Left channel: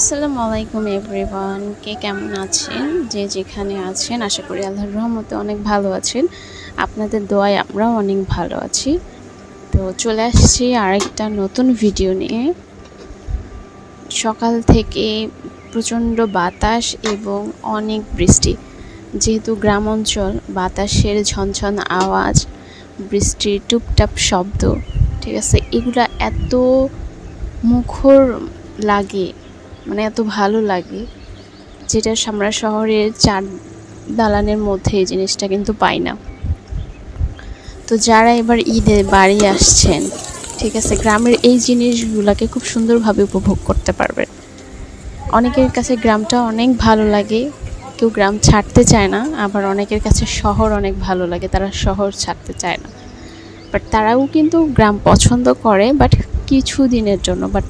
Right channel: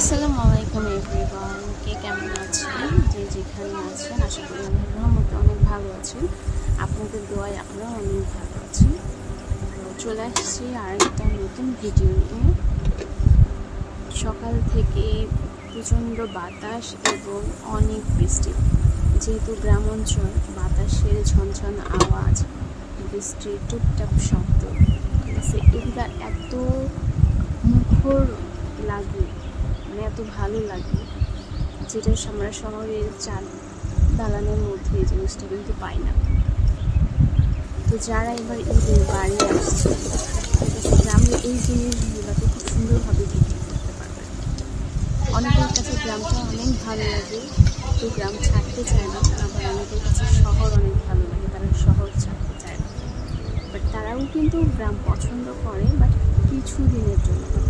আসসালামু আলাইকুম এভরিওয়ান, কে কেমন আছেন? যে যেখানে আছেন আশা করি আল্লাহর রহমতে অনেক ভালো আছেন। আপনাদের দোয়ায় আমরাও অনেক ভালো আছি। তো চলে আসছি আরেকটা নতুন ভিডিও নিয়ে। সকাল থেকে প্রচণ্ড বাতাস এবং অনেক বৃষ্টি। যেহেতু গ্রাম অঞ্চল, বাতাসের ঝনঝন আওয়াজ, বৃষ্টির টুপটাপ শব্দ, ঠিক আছে, এগুলা এত মুখর লাগে, মানে এত ভালো লাগে, যেটা আমরা শহরের চার দালানের মধ্যে এই জিনিসটা কিন্তু পাই না। তো যারা এবার ঈদে বাড়ি আসছেন, ঠিক আছে, গ্রামের এই জিনিসগুলোকে খুব সুন্দরভাবে উপভোগ করতে পারবেন। অনেকের কাছে গ্রামটা অনেক ভালো লাগে, কেউ গ্রাম ছাড়তে চায় না, আবার অনেকের কাছে শহর অনেক ভালো লাগে, তারা শহর ছাড়তে চায় না। বাট তারাও কিন্তু গ্রাম পছন্দ করে, বাট কিছু দিনের জন্য, বাট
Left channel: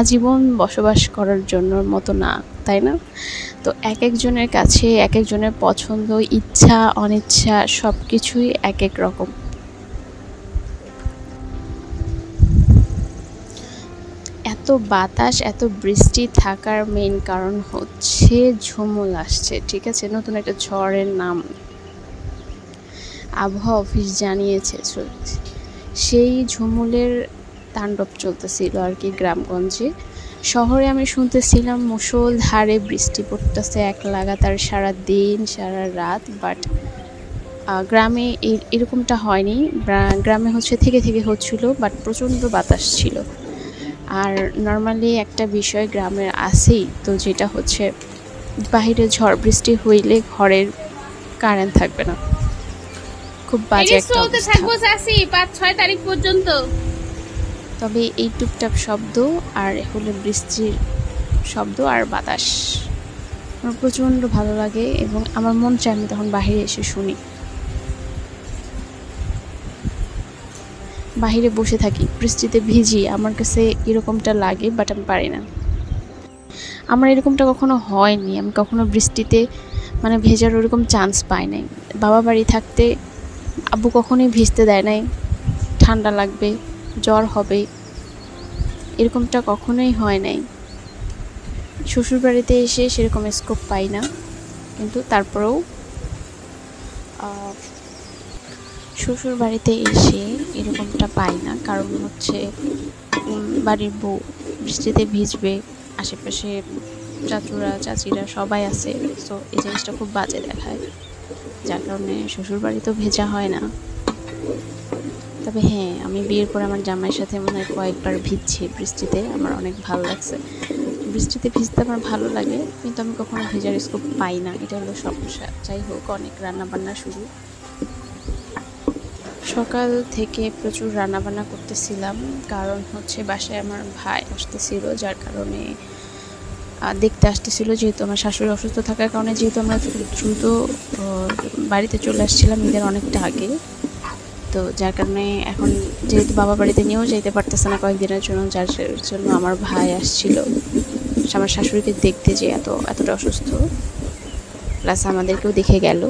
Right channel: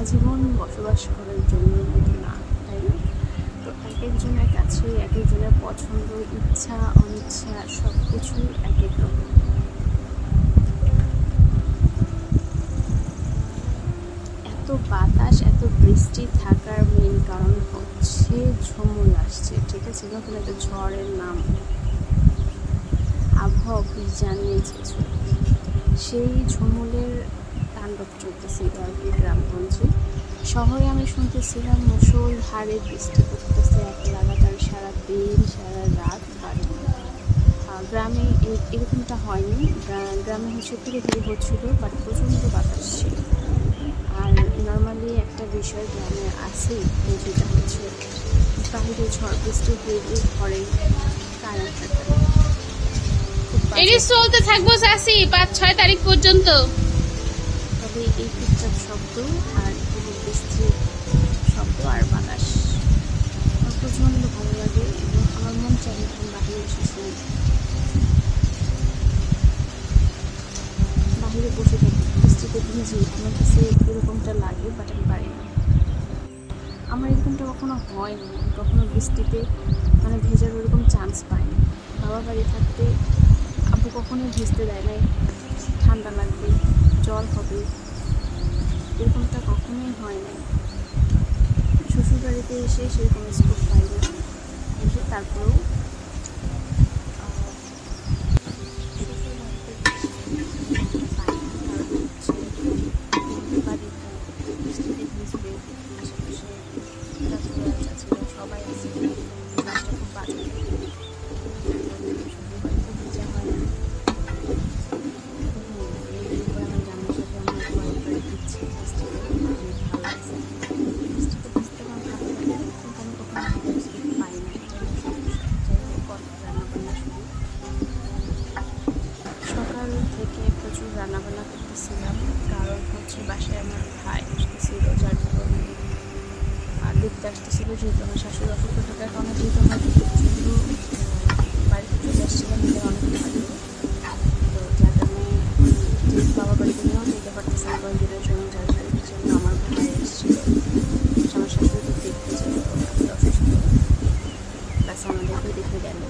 আজীবন বসবাস করার জন্য মতো না, তাই না? তো এক একজনের কাছে এক একজনের পছন্দ, ইচ্ছা অনিচ্ছা সব কিছুই এক এক রকম। এত বাতাস এত বৃষ্টি থাকার মেইন কারণ হচ্ছে ঝুমুল আসছে, ঠিক আছে, নতুন একটা ঝড়ের নাম আবহাওয়া অফিস জানিয়েছে। সেই ঝুমুলের তাণ্ডব চলতেছিল আর কি গ্রামগঞ্জে। শহরে আমি শুনতেছিলাম মুষলধারে বৃষ্টি পড়তেছে এক লাগাতার সারা দিন সারা রাত, বাট গ্রামে এরকমটা হয়নি। গ্রামে হচ্ছে থেকে থেকে হচ্ছিল, বাট প্রচণ্ড বাতাস ছিল। আর নর্মালি একটা বিষয় গ্রামের আছেই, তো যেটা হচ্ছে বাহিরে ঝড় বৃষ্টি হইলে ঘরের কারেন্ট থাকবে না, খুব বাজে চলতে থাকবো 5-6 তারিখ পর্যন্ত। তবে এই টুকটাক শব্দ আর হলো বৃষ্টির শব্দ আর বাতাস আমার প্রচণ্ড ভালো লাগে, এবং আমার মন চায় আমি তখন বাহিরে এসে শুনি, বাহিরে বসে থাকি, বৃষ্টিতে ভিজি। আমার কাছে এরকমটা লাগে, বাট আমি পারি না। আমার এরকমটা কখনো হয়নি, আমি কখনো বৃষ্টিতে মানে ভেজার ওরকম চান্স পাই নাই। বাবা বাড়ি থাকতে আব্বু কখনোই ভিজতে দেয় নাই, ঠান্ডা লাগবে, জ্বর হবে, এরকমটা কখনোই হয় নাই। শ্বশুর বাড়িতে এসে সেরকম স্কোপ পাই না, কিন্তু তারপরেও শ্বশুর বাড়িতে এসে এরকমটা পাই না, কারণ হচ্ছে বাড়ির বউ বৃষ্টিতে ভিজবে, আশেপাশে চাচুরা চাচিরা সবাই আছে, সো এই জিনিসটা খুব বাজে দেখায়, যার কারণে শ্বশুর বাড়িতেও ভেজা হয় না। তবে হ্যাঁ, আমি বিয়ের পর আমার জামাইয়ের সাথে মনে হয় কয়েকবার ভিজছি বৃষ্টিতে, আমার অনেক ভালো লাগছে। বৃষ্টিতে ভিজতে আমার ভালো লাগে, কিন্তু আমি কখনো ভেজার স্কোপ পাই না, এটা হলো সমস্যা। যাই হোক, অনেক রান্নাবান্না শুরু। সকাল থেকে প্রচুর রান্নাবান্না করতেছিলাম, কারণ হচ্ছে বাসায় আমার ভাই আসতেছিল, যার কারণে দেখতে আসতেছিল। যেহেতু আমার শাশুড়ি অসুস্থ থাকার কারণে, যেহেতু আমরা দ্রুত বাড়িতে চলে আসছিলাম ঈদের অনেকটা আগে, তো যার কারণে এখন যেহেতু বাবা বাড়িতে নিয়েও যেতে পারতেছে না কয়েকদিনের জন্য, যার জন্য আমার ভাই আসছিল আমার শাশুড়িকে দেখতে, যে এতটা অসুস্থ, প্লাস আমাদেরকেও দেখে গেল।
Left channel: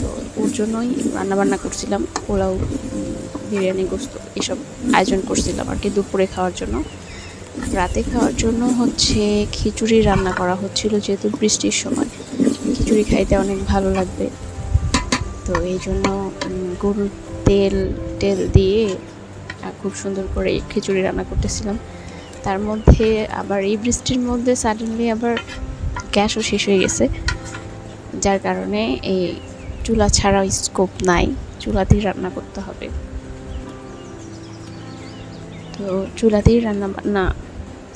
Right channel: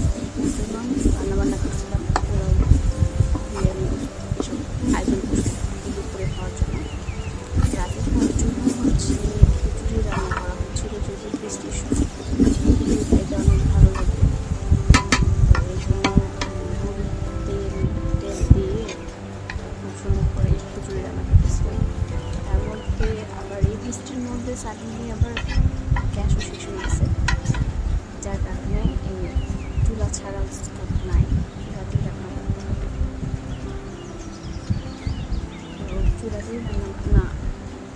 তো ওর জন্যই রান্নাবান্না করছিলাম, পোলাও, বিরিয়ানি, গোস্ত এসব আয়োজন করছিলাম আর কি দুপুরে খাওয়ার জন্য। রাতে খাওয়ার জন্য হচ্ছে খিচুড়ি রান্না করা হচ্ছিল, যেহেতু বৃষ্টির সময় খিচুড়ি খাইতে অনেক ভালো লাগবে, তো এই জন্য গরুর তেল দিয়ে খুব সুন্দর করে খিচুড়ি রান্না করতেছিলাম। তার মধ্যে আবার এই বৃষ্টির মধ্যে সাডেনলি আবার গ্যাসও শেষ হয়ে গেছে, যার কারণে এই চুলা ছাড়া স্কোপ নাই, চুলাতেই রান্না করতে হবে। তো চুলাতেই রান্না বান্না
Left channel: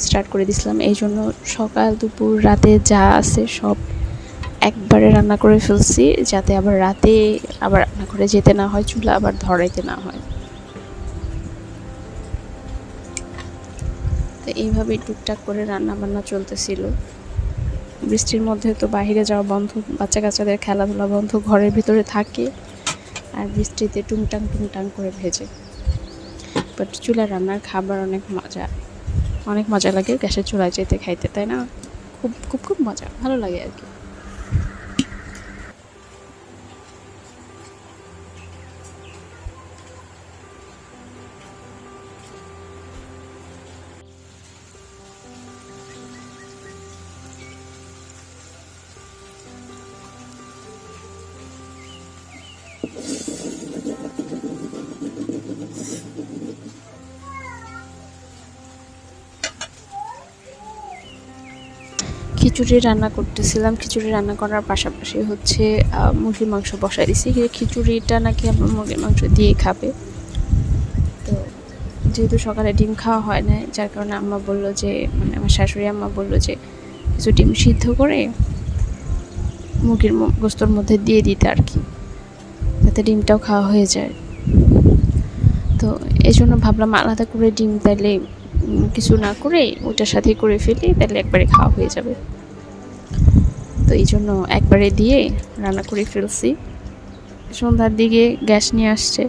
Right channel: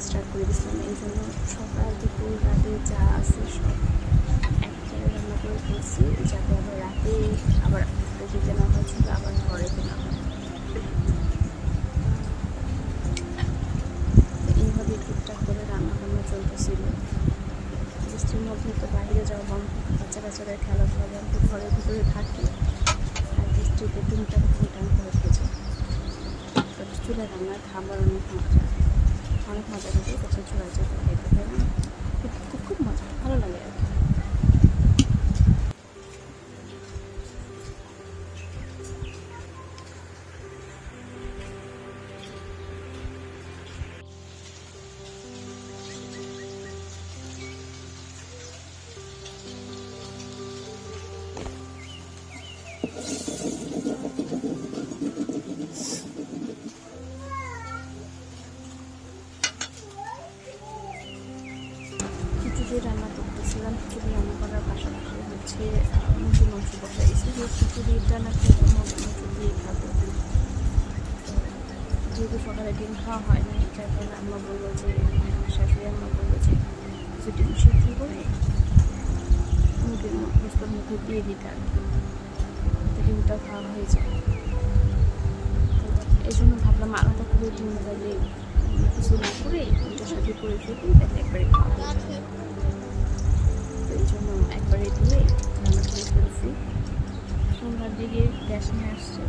স্টার্ট করে দিয়েছিলাম, এই জন্য সকাল দুপুর রাতে যা আছে সব একবারে রান্না করে ফেলছি, যাতে আবার রাতে আবার ঘরে যেতে না হয়, চুলা আবার ধরাইতে না হয়। তো এইভাবেই টুকটাক করে রান্না বান্না চলতেছিল। বৃষ্টির মধ্যে তো বাইরে যাওয়া বন্ধ, বাচ্চা কাচ্চাদের খেলাধুলা বন্ধ, ঘরের ভিতরে থাকে আর বৃষ্টিতে টুংটাং টুংটাং করে ভেজে। বাট চুলার রান্নার খাবার অনেক মজা লাগে গ্যাসের চুলায় যেতে খাইতে, তাই না? খুব খুব খুব মজা, ভালো লাগে আর কি। খিচুড়ি রান্না করতেছিলাম। খিচুড়ি রান্না করার পাশাপাশি হচ্ছে মুরগির মাংস বসাই দিছি। খিচুড়িটা নাকি আমার মুরগির মাংস দিয়ে খাবে। তো যেহেতু সকালে ডিম খাওয়া হয় না, যার কারণে আম্মা বললো যে, মানে আমার শাশুড়ি আম্মা বললো যে কিছু ডিম সিদ্ধ করে মুরগির গোস্তর মধ্যে দিয়ে দিতে আর কি, যাতে ডিমটাও খাওয়া হয়ে যায়। তো এই জন্য ভাবলাম আলাদা করে ডিম তাইলে কিছু না করে ওটার সাথে করে ফেলি, তাহলে একবারে খাওয়া হয়ে যাবে। তো এই জন্য একবারে দিয়ে রান্না করে ফেলছি। সন্ধ্যার দিকে গ্যাস নিয়ে আসছে।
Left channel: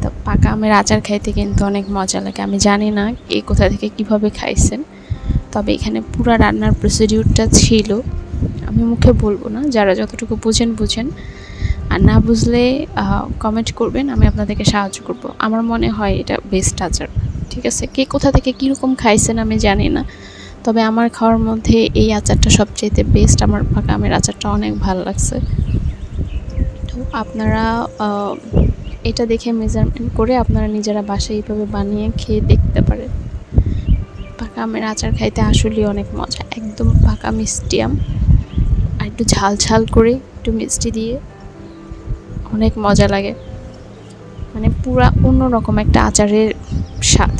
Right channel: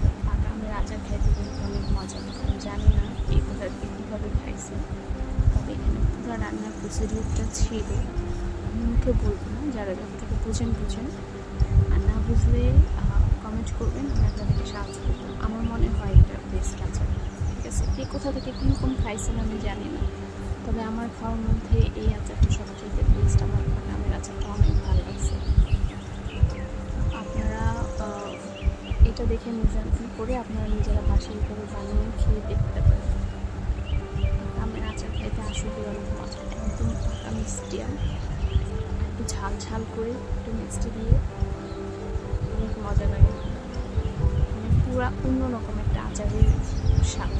তো পাকা আমের আচার খাইতে কিন্তু অনেক মজা লাগে। আমি জানি না কে কোথা থেকে কিভাবে খাইছেন, তবে এখানে পুরো রান্নার প্রসিডিউরটা ছিল। আমি মুখে বলবো না, যারা যতটুকু বুঝেন, আর না বুঝলে কমেন্ট করবেন, আমি আপনাদেরকে সাহায্য করব। আমার মনে হয় এটা বেস্ট আচার, ঠিক আছে? কে কোথা থেকে কীরকম খাইছেন আমি জানি না, তবে আমার খাওয়ার মধ্যে এই আচারটা সবচেয়ে বেস্ট। আমার পাকা আমের আচারটা অনেক ভালো লাগছে। তো আপনারা এটা দেখে মেজারমেন্ট করে আপনারা নিজেরা বাসায় এইভাবে বানিয়ে খেয়ে দেখতে পারেন। পাকা আমের আচার খাইতে আসলেই অনেক মজা, একদম পাকা মিষ্টি আম আর একটু ঝাল করে একটু মিষ্টি দিয়ে অনেক মজা লাগে, মানে পুরা অন্যরকম একটা আচারের স্বাদ।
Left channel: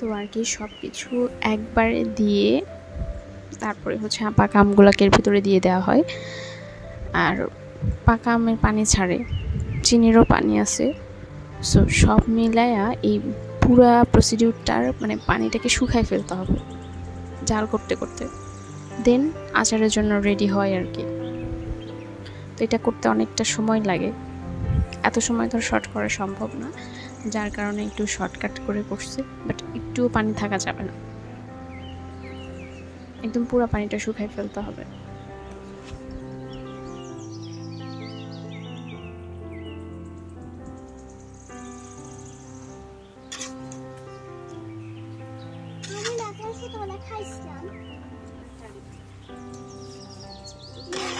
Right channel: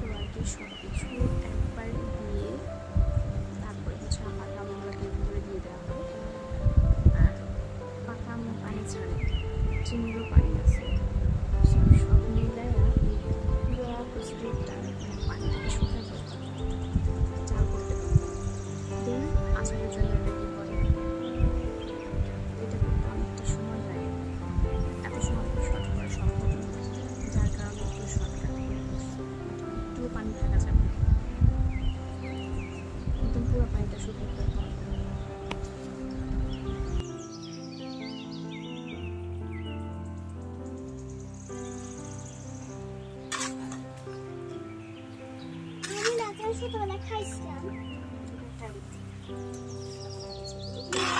তো আর কি সব কিছু একবারে দিয়ে তারপরে হচ্ছে পাকা আমগুলোকে এর ভিতরে দিয়ে দেওয়া হয়। আর পাকা আমের পানি ছাড়ে, চিনিরও পানি আছে। সো সব মিলায়া এই পুরা প্রসিডিউরটার মানে পানিটাকে শুকায় ফেলতে হবে জাল করতে দেন আচারের জন্য রেডি হয় আর কি। তো এটা করতে অনেকটা সময় লাগে, এত সময় তো শর্ট করা সম্ভব না, যার কারণে একটু শর্টকাট করে করছি। বাট একটুও পানি থাকা যাবে না, একদম পুরো পানিটা শুকায় ফেলতে হবে।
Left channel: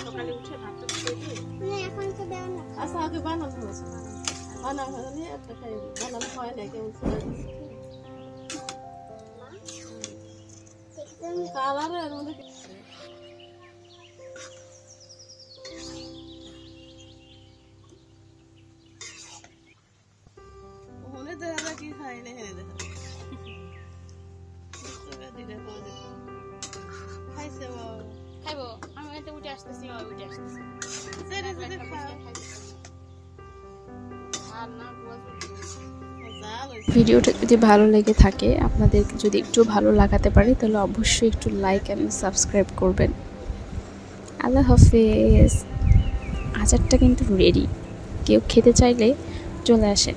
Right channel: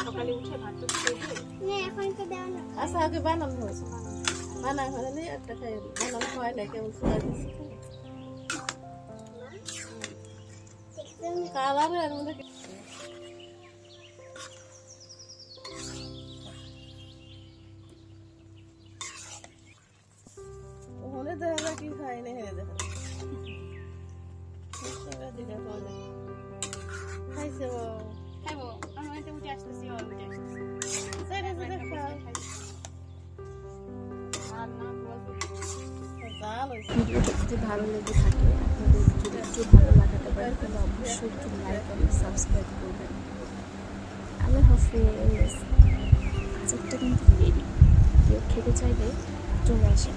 সকালে উঠে ভাত আচ্ছা আগে বানানো হয়েছে, বানানো হলে একটা খাই বানানো হয় না, কেমন কালারের মধ্যে ওখানে দেখা যায় কি খাই না, হেরে দেখা খাইছে খাইবো আমি তো উঠে আসতেছি ভিডিওটা যদি ভালো লেগে থাকে, আপনাদের যদি একটু ভালো লাগাতে পারে, তাহলে অবশ্যই একটু লাইক এবং সাবস্ক্রাইব করবেন। আল্লাহ হাফেজ। আচারটা কিন্তু রেডি, কেউ খেতে চাইলে চলে আসেন,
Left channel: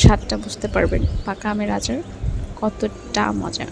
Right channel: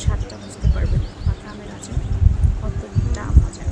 স্বাদটা বুঝতে পারবেন পাকা আমের আচার কতটা মজা।